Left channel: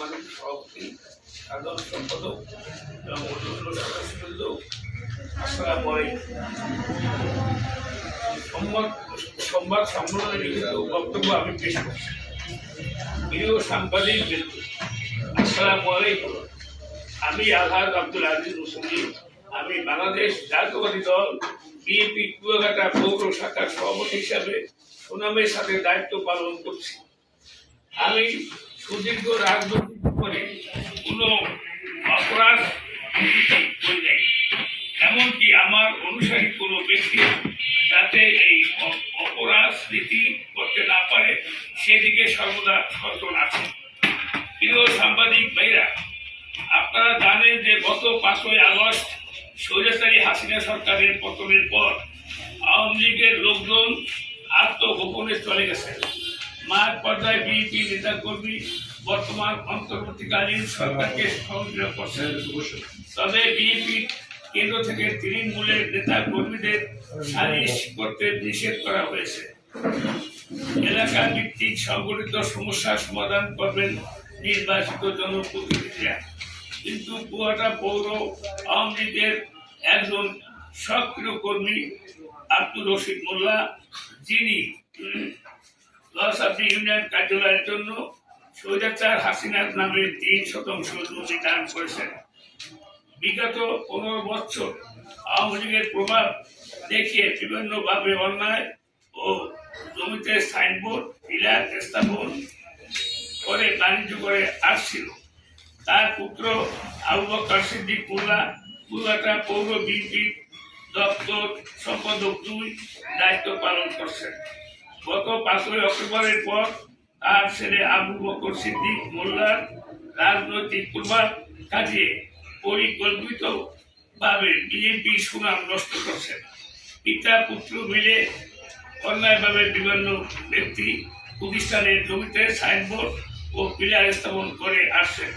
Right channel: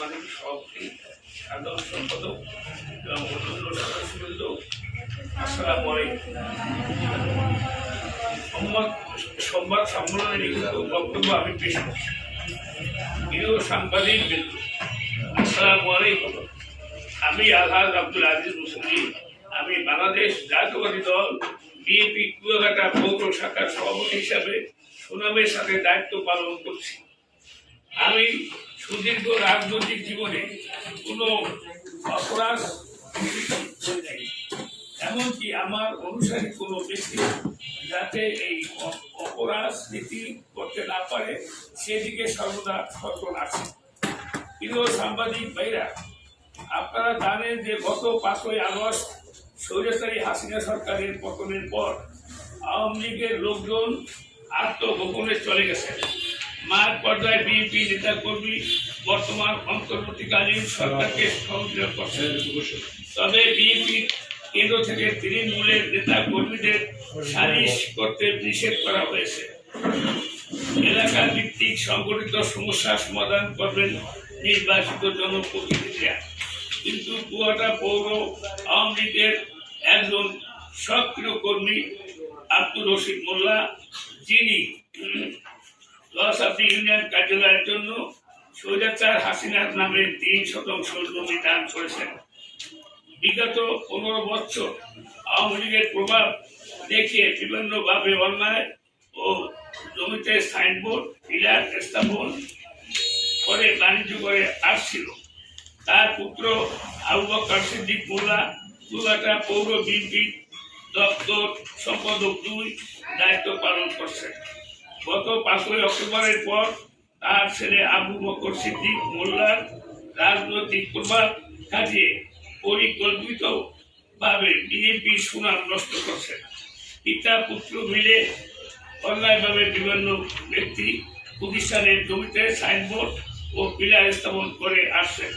মালিক সভাপতি, সাধারণ সম্পাদক এবং অন্যান্য সদস্যবৃন্দ, আসসালামু আলাইকুম। সংবাদ সম্মেলনে লিখিত বক্তব্য আমি পেশ করছি। প্রিয় সাংবাদিক বৃন্দ, আসসালামু আলাইকুম। আমি আলহাজ আব্দুল আজিজ মুসলিম। আমি বাংলাদেশ জাতীয়তাবাদী দল বিএনপি কুয়াকাটা পৌর শাখার সভাপতি হিসাবে সুনামের সাথে দায়িত্ব পালন করছি। আমি সুদীর্ঘ রাজনৈতিক জীবনে কোনো অপরাধ করি নাই, এমনকি আমার অনুসারী কোনো ব্যক্তি যাতে এই অপরাজনীতি করতে না পারে সেদিকে সর্বদা সচেতন আছে। প্রিয় সাংবাদিক ভাইরা, আপনারা জানেন যে গত 5ই আগস্ট স্বৈরাচারী হাসিনা সরকারের পতনের পর আওয়ামী লীগের লোকজন আত্মগোপনে চলে গেছেন। মাঠ পর্যায়ে বিএনপি নেতাকর্মী বর্তমান অন্তর্বর্তীকালীন সরকারকে সহযোগিতা করছেন। তবে বিএনপি কেন্দ্র থেকে তৃণমূলের নেতা কর্মীদের সালিশ করতে নিষেধ করা হয়েছে। এলাকা ভিত্তিক সংগঠিত সমস্যার সমাধান করবেন নির্বাচিত জনপ্রতিনিধিরা। কিন্তু কুয়াকাটা পৌর আওয়ামী লীগের একজন সক্রিয় কর্মী আব্দুর রশিদ মোল্লা, যিনি লসাদি ইউনিয়ন কার্যালয়ের জন্য স্বৈরাচার হাসিনার নামে 3% জমি দান করেছেন। বিগত 15 বছর আওয়ামী লীগের প্রভাব দেখিয়ে বিভিন্নভাবে অন্যায় ও জমিতে সাইনবোর্ড পিলার স্থাপন করে বাণিজ্য করে আসছিল। তার পুত্র আবু বকর সিদ্দিক মোল্লা কুয়াকাটা পৌর বিএনপি দপ্তর সম্পাদক 2 দায়িত্ব পালন করছেন। গত 5ই অক্টোবরের পর তার ছেলে আবু বকর সিদ্দিক মোল্লার রাজনৈতিক প্রভাব কাটিয়ে পরিকল্পিতভাবে বিএনপি সুনাম নষ্ট করছেন। পিতা পুত্র মিলে অন্যায়ভাবে বিভিন্ন ব্যক্তি প্রতিষ্ঠানের জমিতে সাইনবোর্ড ও পিলার স্থাপন করে আসছেন।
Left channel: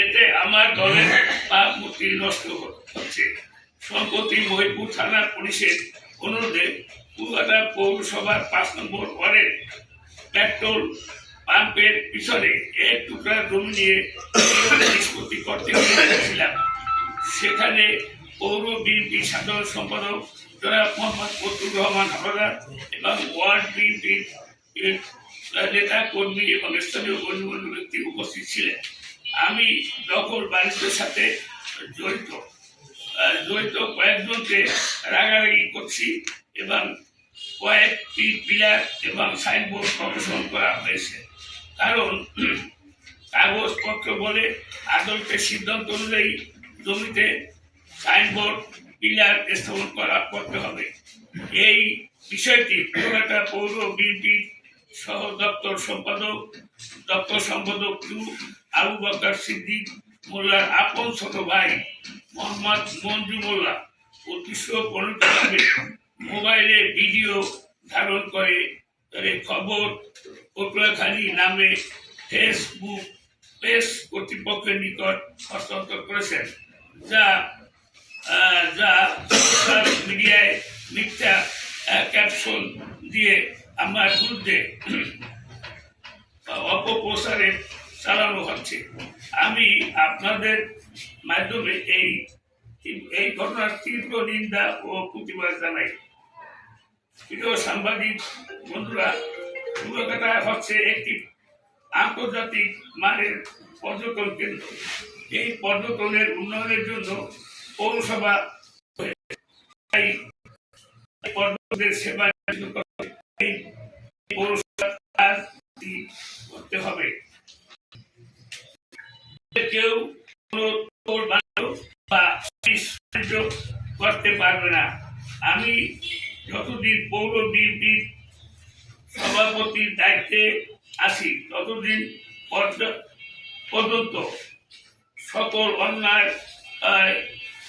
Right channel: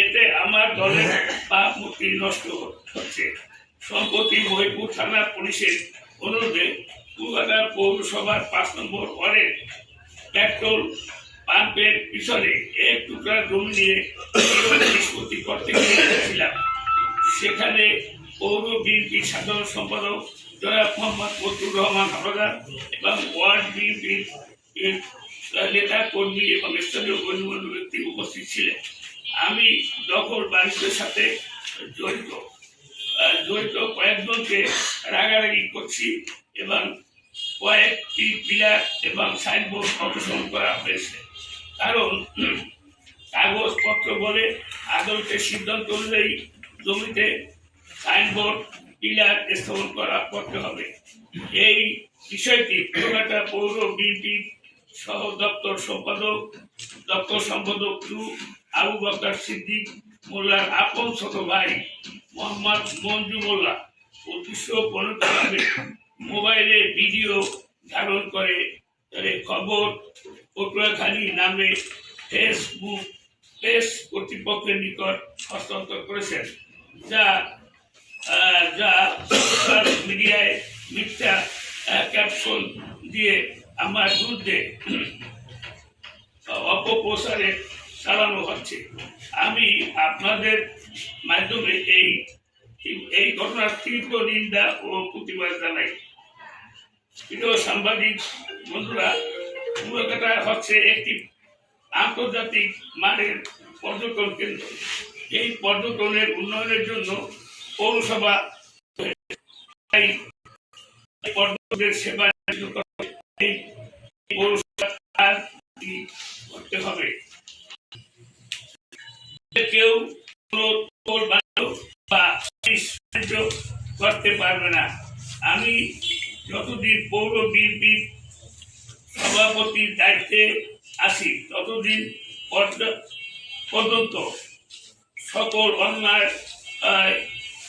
এতে আমার দলের ভাবমূর্তি নষ্ট হচ্ছে। সম্প্রতি মহিপুর থানা পুলিশের অনুরোধে কুয়াকাটা পৌরসভার 5 নম্বর ওয়ার্ডের পেট্রোল পাম্পের পিছনে এক টুকরা জমি নিয়ে নিষ্পত্তি করতে গিয়েছিলাম। সেখানে পৌর বিএনপি সাধারণ সম্পাদক জনাব মোহাম্মদ ফজলুর রহমান হাওলাদার এবং ওয়ার্ড বিএনপির নেতা কর্মী এবং স্থানীয় গণ্যমান্য ব্যক্তি উপস্থিত ছিলেন। আমি দখল বাণিজ্যের সাথে জড়িত কয়েকজনকে রাগারাগি করছি এবং কয়েকটি পিলার এবং সাইনবোর্ড অপসারণ করা হয়েছে। কারণ কাগজপত্র বলে আদালতের সিদ্ধান্ত অনুযায়ী জমিতে সাইনবোর্ড পিলার স্থাপন করতে হবে। এই বিষয়টি কুয়াকাটা পৌর বিএনপির সহ দপ্তর সম্পাদক 2 আবু বকর সিদ্দিক মোল্লার আপন ছোট ভাই মোহাম্মদ মঞ্জু মোল্লা উদ্দেশ্যপ্রণীতভাবে মোবাইলে ভিডিও ধারণ করে খবর পটুয়াখালী নামে ফেসবুক পেজ কর্তৃপক্ষের নিকট হস্তান্তর করেছেন, যা সোশ্যাল মিডিয়ায় মিথ্যা ক্যাপশন দিয়ে আমার বিরুদ্ধে অপপ্রচারে চালানো হচ্ছে। আমি আপনাদের মাধ্যমে এই ঘটনার তীব্র নিন্দা ও প্রতিবাদ জানাই। প্রিয় সাংবাদিক বন্ধুরা, কুয়াকাটা হচ্ছে একটি আন্তর্জাতিক মানের পর্যটন কেন্দ্র। এই পর্যটনের উন্নয়নের জন্য পৌরসভা পর্যটকদের সেবা করতে হবে। কেউ করতে পারবে না। আমি যতদিন পৌর বিএনপির সভাপতির দায়িত্বে আছি ততদিন পর্যন্ত সকল অন্যায়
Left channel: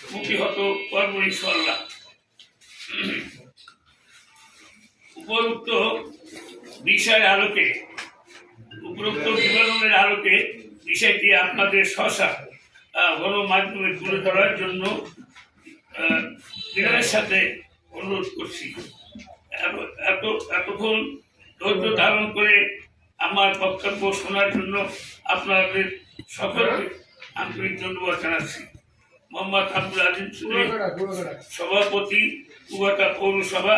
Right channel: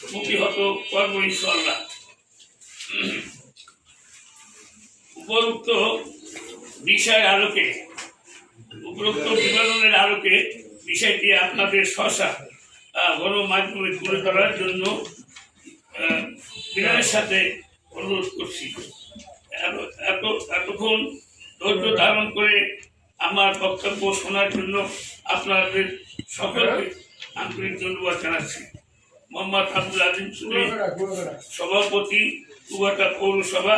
প্রতিহত করব ইনশাআল্লাহ। উপরোক্ত বিবরণের আলোকে বিষয়টি আপনাদের সহসা গণমাধ্যমে তুলে ধরার জন্য বিনয়ের সাথে অনুরোধ করছি। এতক্ষণ ধৈর্য ধারণ করে আমার বক্তব্য শোনার জন্য আপনাদের সকলকে আন্তরিক ধন্যবাদ জানাচ্ছি। মোহাম্মদ আব্দুল আজিজ চৌধুরী, সভাপতি কুয়াকাটা পৌরসভা।